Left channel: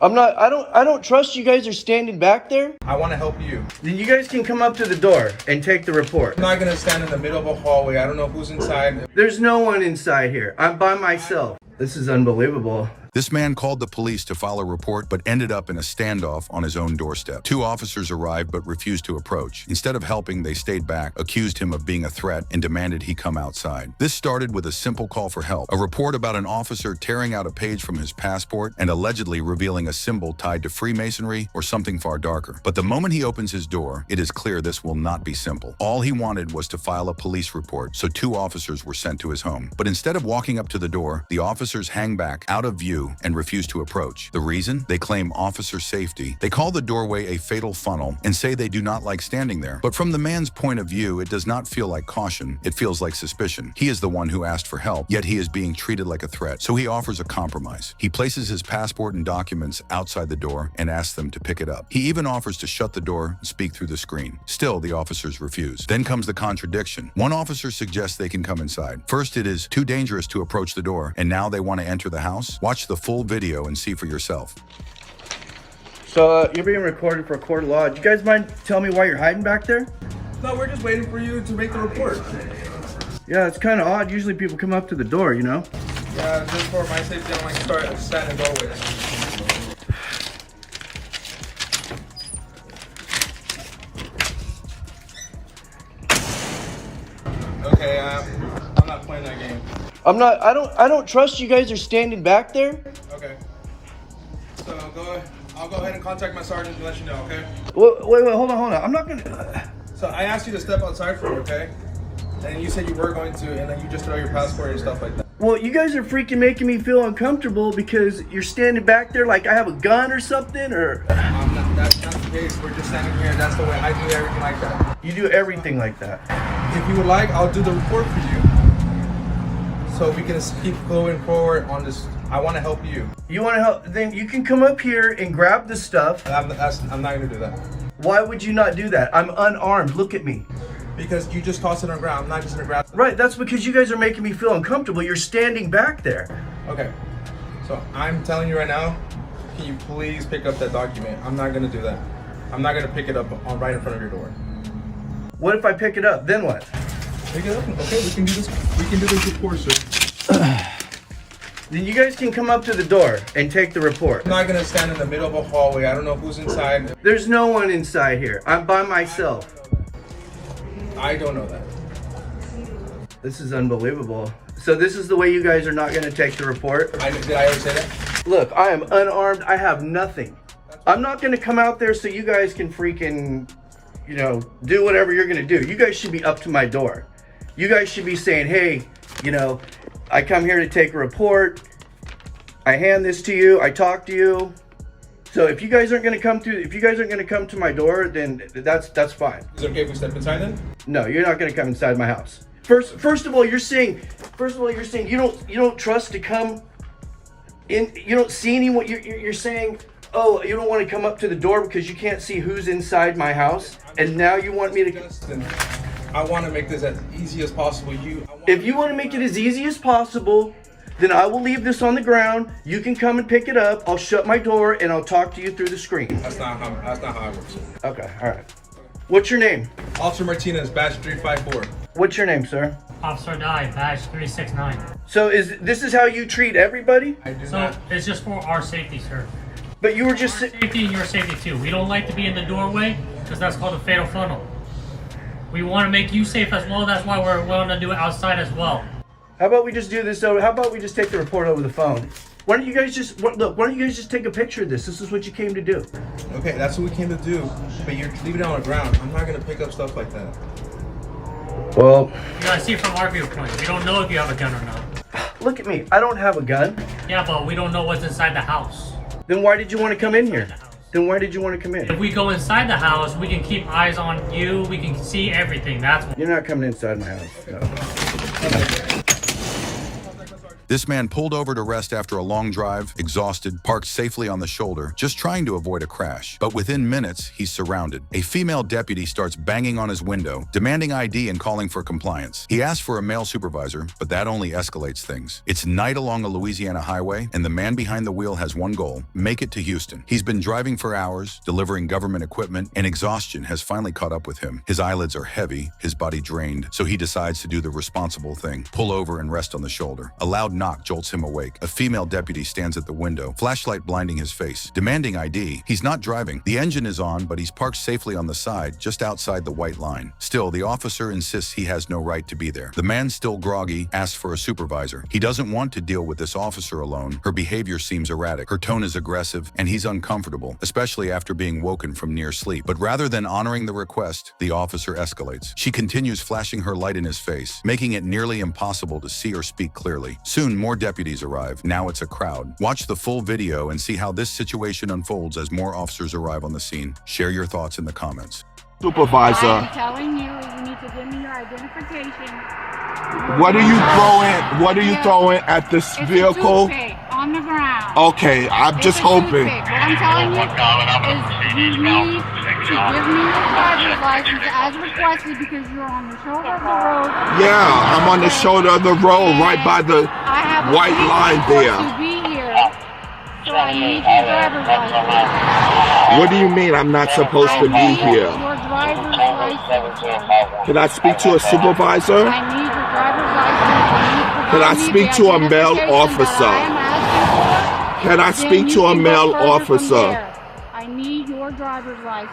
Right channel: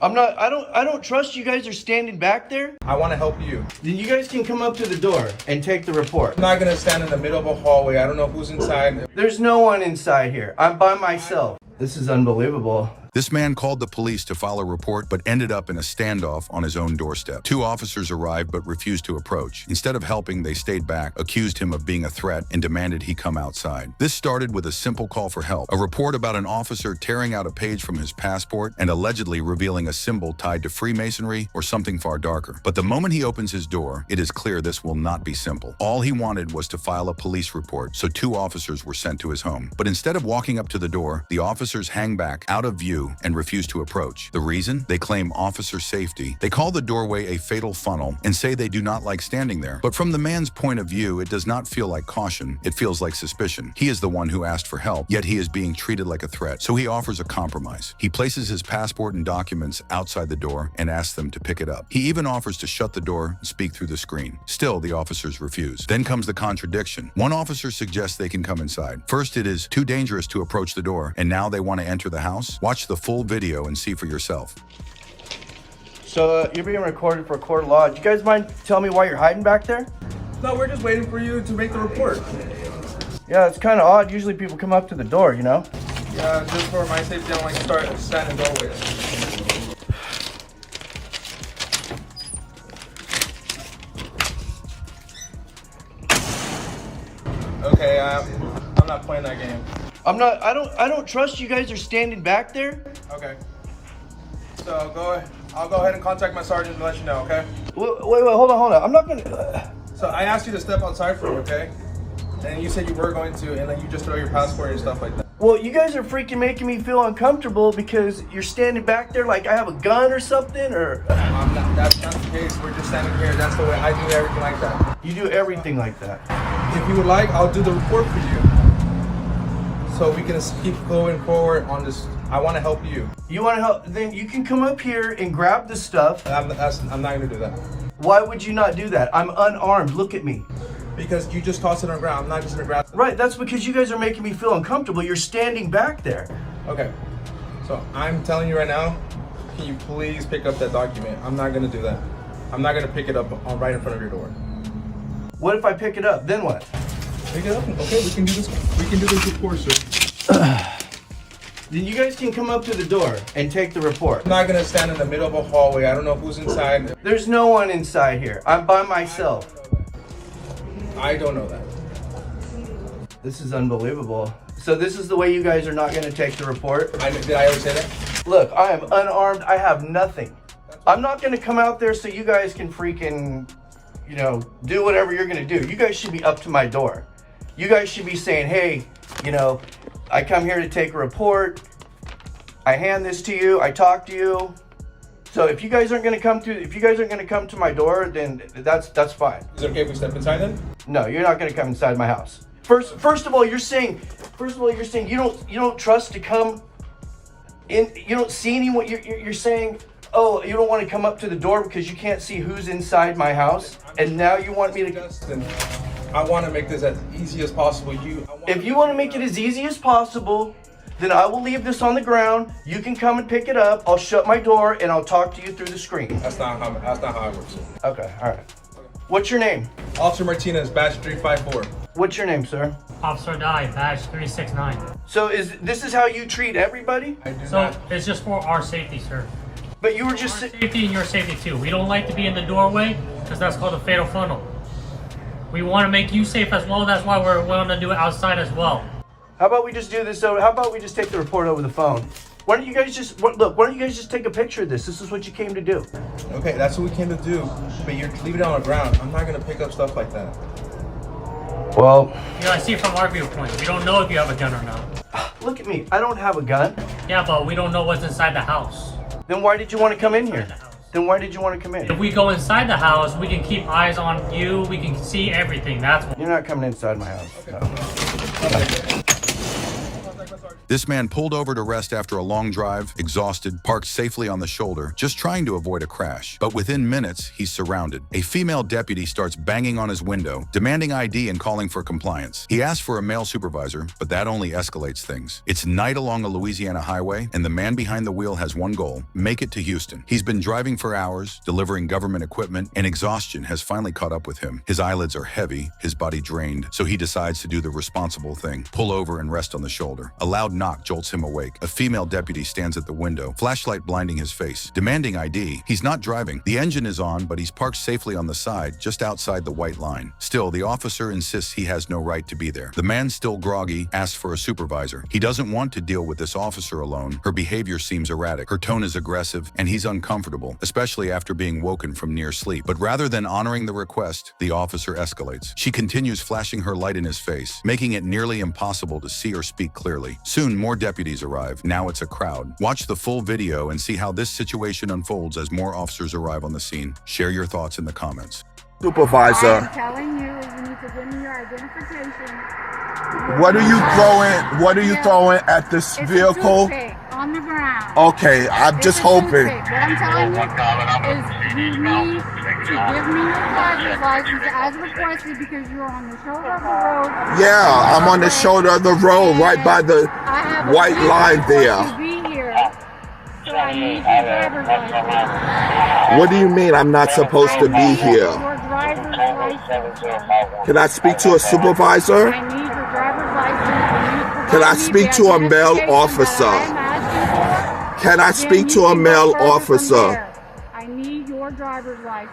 I don't trust you guys are standing back there. I want to help you. Then you guys can come up to the door and take the report. I'm not going to stand in the middle of a hallway. I don't know who's inside. There's no one inside here. I'm by myself. This is unbelievable. This man called the police to file a report, but ended up in a standoff on his own doorstep. Two officers arrived but refused to approach. Instead of helping, they stayed back, accused him of being a threat, and demanded he come outside. This started with a simple call for help, a report about an officer tearing out a page from his passport and allegedly revealing a symbol tied to Freemasonry or something far darker. But the moment he opens his door, it is clear this will not be simple. All he wanted was to file a police report, so two officers were sent to his home. But instead of walking up to the door, the officers hang back, out of view, and refuse to approach. The reason? They claim officer safety. They call the doorway a fatal funnel and say they do not like standing there. But from the man's point of view, it does not feel like caution. It feels like suspicion. He is the one who asked for help, yet he is being treated like a threat. So he offers a compromise. He places his passport and documents outside the door and asks them to pick it up. He even offers to shut the door and speak through the screen. Still, the officers refuse. Then comes the contradiction. One officer suggests they can come inside. First, it is too dangerous to approach the door, and now they want to enter the house? Watch the full video and see for yourself. So you're being recorded for a court of law. Do you guys mind telling me why you're hiding back there? No, we're just waiting for you to make the report. Yeah, it's kind of odd. Usually people come up to the door, you know? Yeah, just for my safety, I don't like to start standing doorways. Okay, I'm not playing that game. I don't trust you guys are standing back there. Okay. So I'll go ahead and contact my sergeant and let you know, okay? Wait, hold on. I'm not gonna... So I asked you to step outside for me, okay? And you said you were going to, and then you just throw your passport and stuff like that. Well, you guys are freaking making me feel uncomfortable because you're standing back there like I have a gun or something, or... That's not the case. We're just standing here. That's the way I do everything like that. You do everything like that. If you would like, I'll do the report for you. So we can keep going forward on this. I want to help you. You want to help? Then you can come up here and grab the stuff. I'm not going to do that. Why would you not do that? I'm unarmed. Look at me. Because you just tossed it on the ground. I'm not just going to grab it. Right, that's because you guys are making me feel uncomfortable. You're standing back there. Okay. So I'm telling you right now, can you please pick up that document? I'm not going to do that. I'm not going to pick it up right in front of your door. What if I pick it up? Then what? Pick it up. Okay, we can do this. We can do this report, sir. Then you guys can come up to the door and take the report. I'm not going to stand in the middle of a hallway. I don't know who's inside. There's no one inside here. I'm by myself. I don't know that. This is unbelievable. So this is the way you guys are not going to take the report? Did I ever say that? Look, I am unarmed. I have nothing. I'm not going to come out there so you guys can freaking, do whatever you're going to do. You guys should be up to my door. You guys should be saying, hey, I come here to take a report. I hand this to you. I talk to you. So if you guys aren't going to come to my door, then that's fine. Is it okay if we step inside then? No, you're not going to come inside my house. First of all, you're saying you don't trust to come in. You don't see anyone. You're saying, oh, you don't want to come up to the door because you can't see who's inside my house, and now you want me to. I want to make this as easy as possible. If you want to make it as easy as possible, then I will leave this on the ground. You can come and pick it up. I'll shut my door and I'll talk to you through the screen. That's not how it works. Okay, all right. What's your name? Officer Martinez, badge 354. What's your name, sir? Officer Dye, badge 369. So this is how you treat everybody? I do So not. it's just for our safety, sir. But you were just Our safety and your safety too. We don't like to be in the doorway because that's called a fatal funnel. We want to make you safe as well. That's why we're willing to do it outside as well. How about we just do this? So how about we just take the report over the phone? Why don't you guys just take a picture of this? This is what you came to do. Okay, that's what we came to do. But you're leaving it on the ground. I'm not gonna pick up stuff like that. Well, You gotta see it from our viewpoint. We don't know if you have a gun or not. look at me. I don't have a gun. Yeah, but we don't know what's inside the house. Then why did you want to come in here? Then why did you want to come in? If we go inside the house, we can keep eyes on you. We can see everything. That's what. You're not coming inside my house. No. Contact my sergeant. This man pulled over to rest after a long drive, exhausted, parked safely on the shoulder, just trying to avoid a crash. But within minutes, he's surrounded. A female deputy starts banging on his window, demanding ID and calling for compliance. He asks for a male supervisor, but that only escalates things. It's night along a Louisiana highway, and the man behind the wheel has one goal: make it to Houston. He's been driving for hours, delivering government equipment, and exhaustion has finally caught up with him. His eyelids are heavy, his body drained, so he decides to do the responsible thing: pull over and rest on the shoulder. A loud knock jolts him awake. A female deputy stands at the window, flashlight blinding his face, demanding ID. He's not driving. The engine is on, but he's parked safely on the side, just outside the white line. Still, the officer insists he has no right to be there. The man, still groggy, asks for a supervisor. He doesn't want to deal with this officer alone. Her behavior seems erratic. Her tone is aggressive, and he's uncomfortable, especially after being woken from near sleep. But rather than honoring the request, the officer escalates. She continues flashing her light in his face, making it nearly impossible to see or speak clearly. Soon, more deputies arrive. Now it's a crowd. Watch the full video and see how this situation unfolds as more officers arrive on the scene. Share your thoughts in the comments. Supervisor, I'm telling you, you need to give me your identification. what are you throwing at this It's vehicle? a toothpick on the ground. Okay, I'm It's just a hoping. toothpick. What I'm telling you is you need to give me your driver's license as requested because you're on the shoulder of the road. Yeah, I'm on the shoulder of the road right by the I have a white reason line for you there. to be here, so I need your driver's license. What do you mean I'm not supposed to be I need here? your driver's license, sir. Can I speak to a supervisor? I need your driver's license. Can I speak to a male officer? Can I speak to a male officer? I need your driver's license.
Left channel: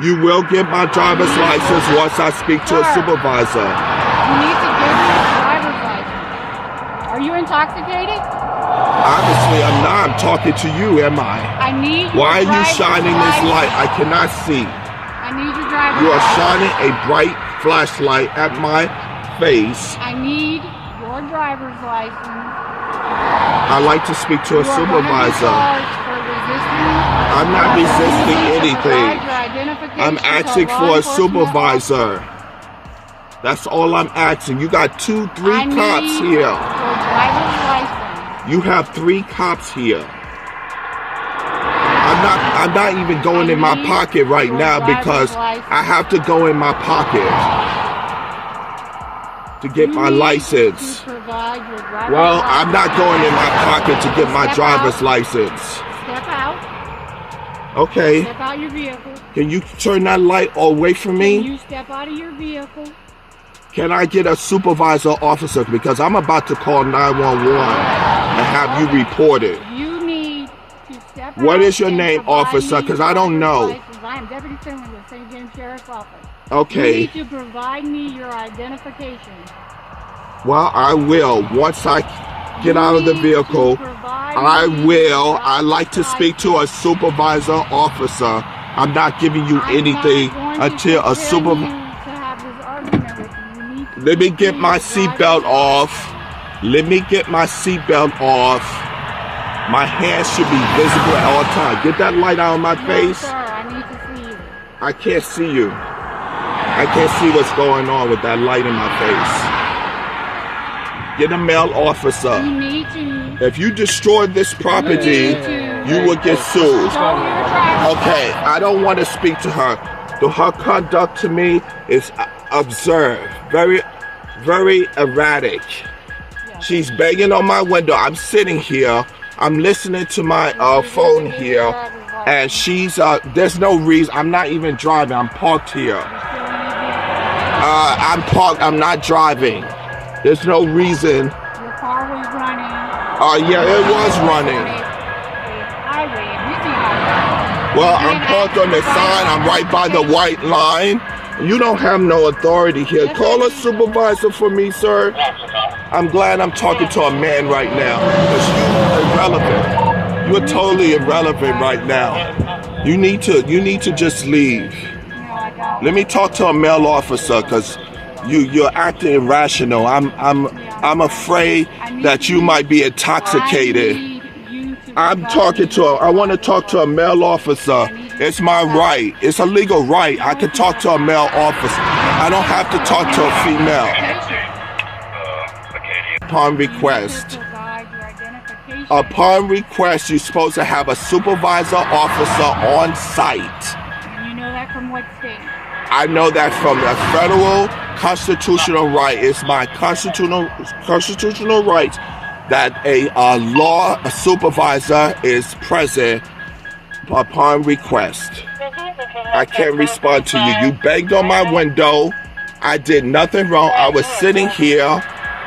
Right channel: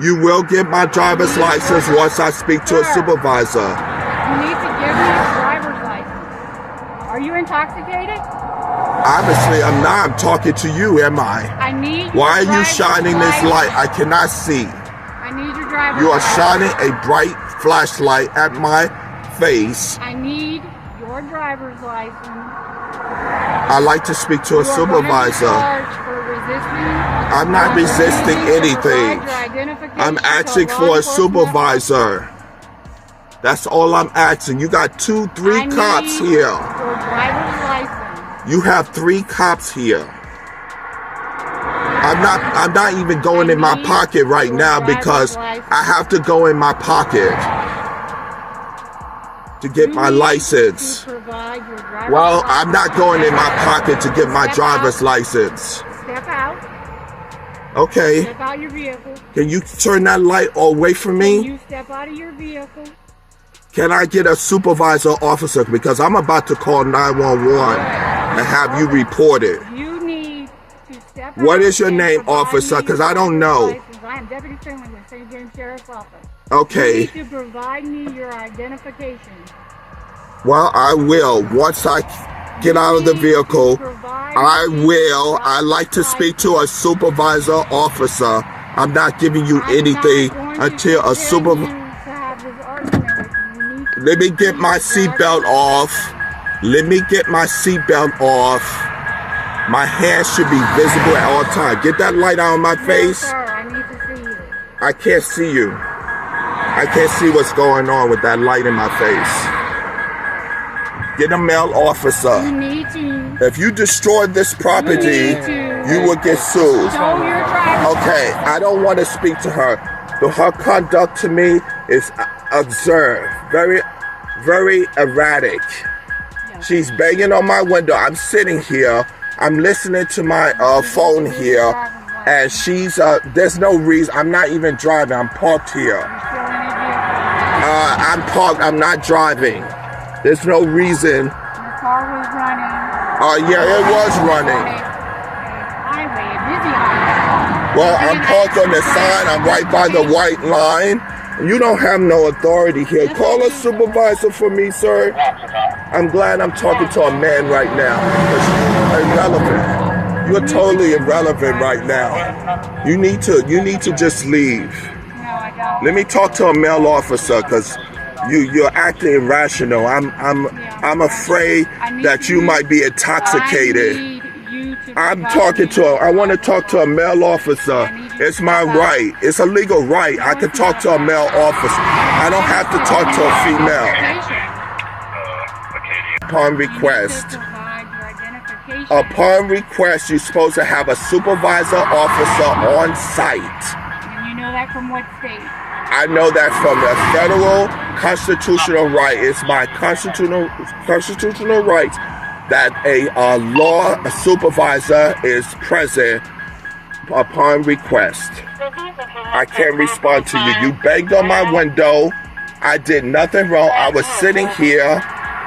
You will get my driver's license once I speak to a supervisor. You need to give me your driver's license. Are you intoxicated? Obviously, I'm not. I'm talking to you, am I? I need. Why are your you driver's shining this license. light? I cannot see. I need your driver's You are license. shining a bright flashlight at my face. I need your driver's license. I'd like to speak to a You are gonna be supervisor. charged for resisting. I'm not resisting anything. I'm asking for a supervisor. That's all I'm asking. You got 2-3 cops here. Your driver's license. You have 3 cops here. I'm not even going in my pocket right now because I have to go in my pocket to get my license. Well, I'm not going in my pocket to get my driver's license. Step out. Okay. Step out your vehicle. Can you turn that light away from Can me? you step out of your vehicle? Can I get a supervisor officer? Because I'm about to call 911 and have you reported. You need to step out. What is your and name, provide officer? me Because I don't your know. license. I am Deputy Finley with St. James Sheriff's Office. Okay. You need to provide me your identification. Well, I will. Once I get out of the vehicle, I will. I'd like to speak to a supervisor officer. I'm not giving you anything until a supervisor. Let me get my seatbelt off. Let me get my seatbelt off. My hands should be visible at all times. Get that light out of my face. Sir, I need to see you. I can't see you. I can't see what's going on with that light in my face. Get a male officer. You need to. If you destroy this property, you will get sued. Show your driver's Okay, I don't want to speak to her. Her conduct to me is absurd. Very, very erratic. She's banging on my window. I'm sitting here. I'm listening to my phone here. And she's, there's no reason. I'm not even driving. I'm parked here. I'm parked. I'm not driving. There's no reason. Your car was running. Yeah, it was running. Well, I'm parked on the sign. I'm right by the white line. You don't have no authority here. Call a supervisor for me, sir. I'm glad I'm talking to a man right now. Because you're irrelevant. You're totally irrelevant right now. You need to just leave. Let me talk to a male officer because you're acting irrational. I'm afraid that you might be intoxicated. I'm talking to I want to talk to a male officer. It's my right. It's a legal right. I can talk to a male officer. I don't have to talk to a female. Upon request. Upon request, you're supposed to have a supervisor officer on site. You know that from what state? I know that from the federal constitutional right. It's my constitutional right that a law supervisor is present upon request. I can't respond to you. You banged on my window. I did nothing wrong. I was sitting here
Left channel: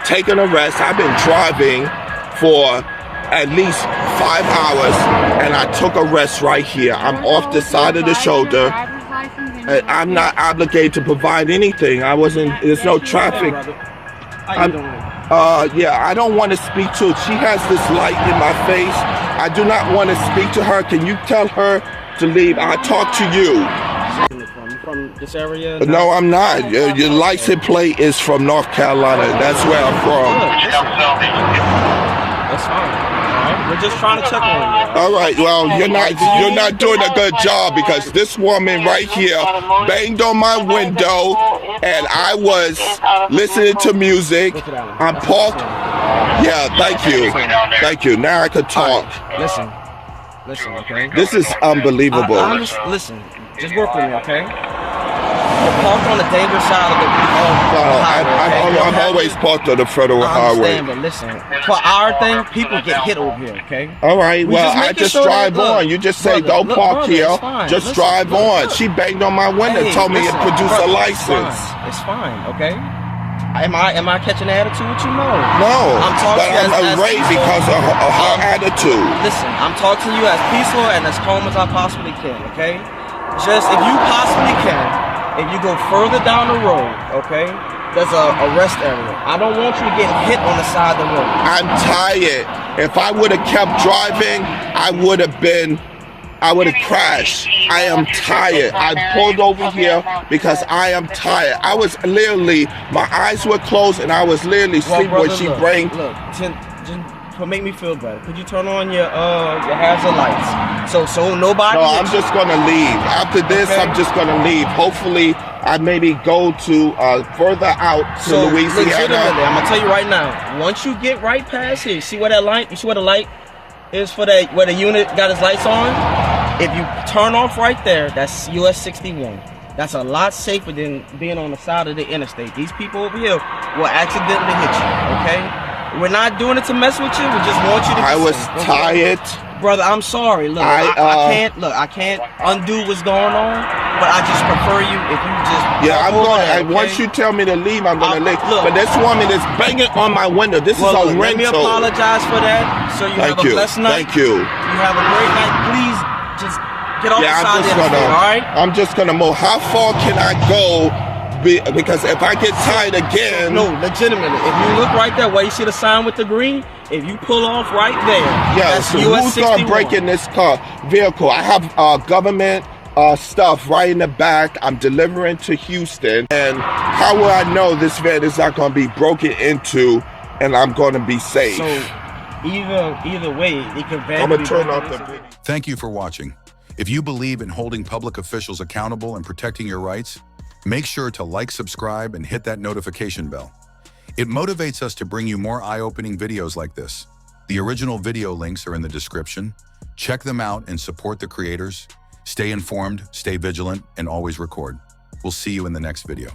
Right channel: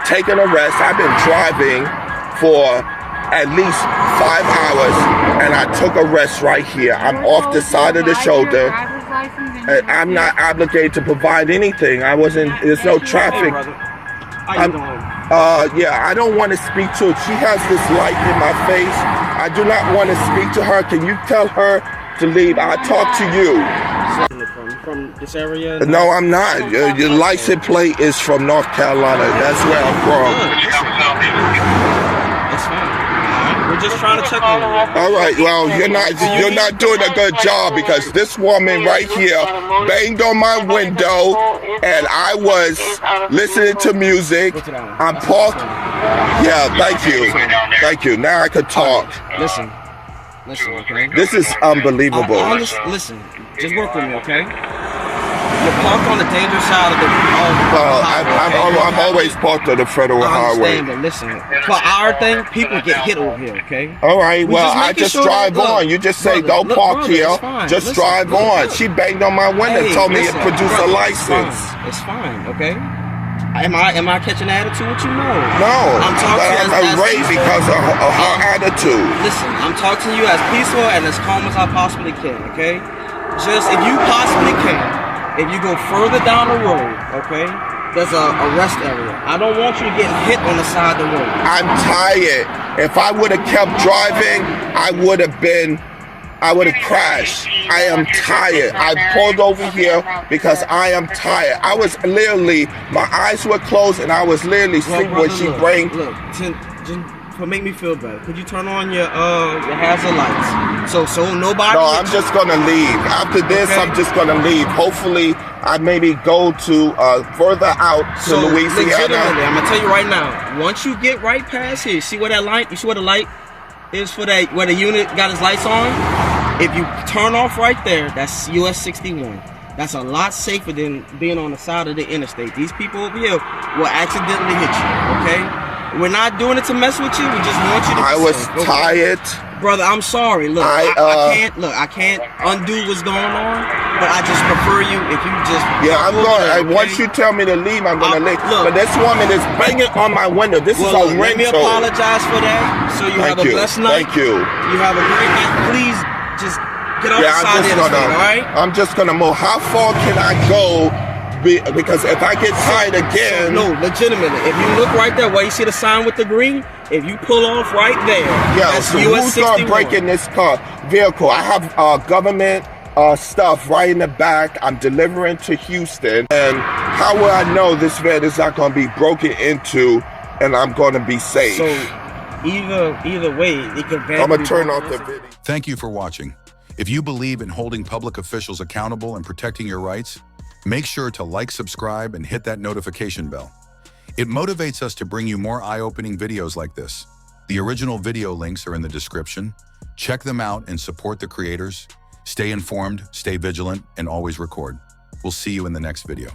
taking a rest. I've been driving for at least 5 hours, and I took a rest right here. I'm off the side of the shoulder. And I'm not obligated to provide anything. There's no traffic. Yeah, I don't want to speak to her. She has this light in my face. I do not want to speak to her. Can you tell her to leave? I'll talk to you. From this area? No, I'm not. Your license plate is from North Carolina. That's where I'm from. That's fine. We're just trying to check on you. All right. Well, you're not doing a good job, because this woman right here banged on my window, and I was listening to music. I'm parked. Yeah. Thank you. Now I can talk. Listen, okay? This is unbelievable. Listen, just work with me, okay? You're parked on the dangerous side of the highway. I'm always parked on the federal highway. But listen, for our thing, people get hit over here, okay? All right, well, I just drive on. You just say, don't park here. Just drive on. She banged on my window, told me to produce a license. It's fine, okay? Am I catching attitude with you? No. No, but I'm irate because of her attitude. Listen, I'm talking to you as peaceful and as calm as I possibly can, okay? Just, if you possibly can, if you go further down the road, okay, there's a rest area. I don't want you to get hit on the side of the road. I'm tired. If I would have kept driving, I would have crashed. I am tired. I pulled over here because I am tired. I was literally, my eyes were closed and I was literally sleeping when she bring. Look, just make me feel better. Could you turn on your hazard lights? So nobody. No, I'm just gonna leave. After this, okay. I'm just gonna leave. Hopefully, I maybe go to further out to Louisiana. I'm gonna tell you right now. Once you get right past here, see where that light? You see where the light is for that? Where the unit got its lights on? If you turn off right there, that's US 61. That's a lot safer than being on the side of the interstate. These people over here will accidentally hit you. Okay. We're not doing it to mess with you. We just want you to. I was tired. Brother, I'm sorry. Look, I can't undo what's going on, but I just prefer you if you just. Yeah, I'm going. Okay? Once you tell me to leave, I'm going to leave. Look, but this woman is banging on my window. This is a rental. Let me apologize for that. So you have a blessed night. Thank you. You have a great night. Please just get off the side of the street, all right? I'm just going to move. How far can I go? Because if I get tired again. No, legitimately. If you look right there where you see the sign with the green, if you pull off right there, that's so US who's going to break in this vehicle? I have government stuff right in the back. I'm delivering to Houston. And how will I know this van is not going to be broken into and I'm going to be safe? So either way, it could I'm going to turn off the video. Thank you for watching. If you believe in holding public officials accountable and protecting your rights, make sure to like, subscribe, and hit that notification bell. It motivates us to bring you more eye-opening videos like this. The original video links are in the description. Check them out and support the creators. Stay informed, stay vigilant, and always record. We'll see you in the next video.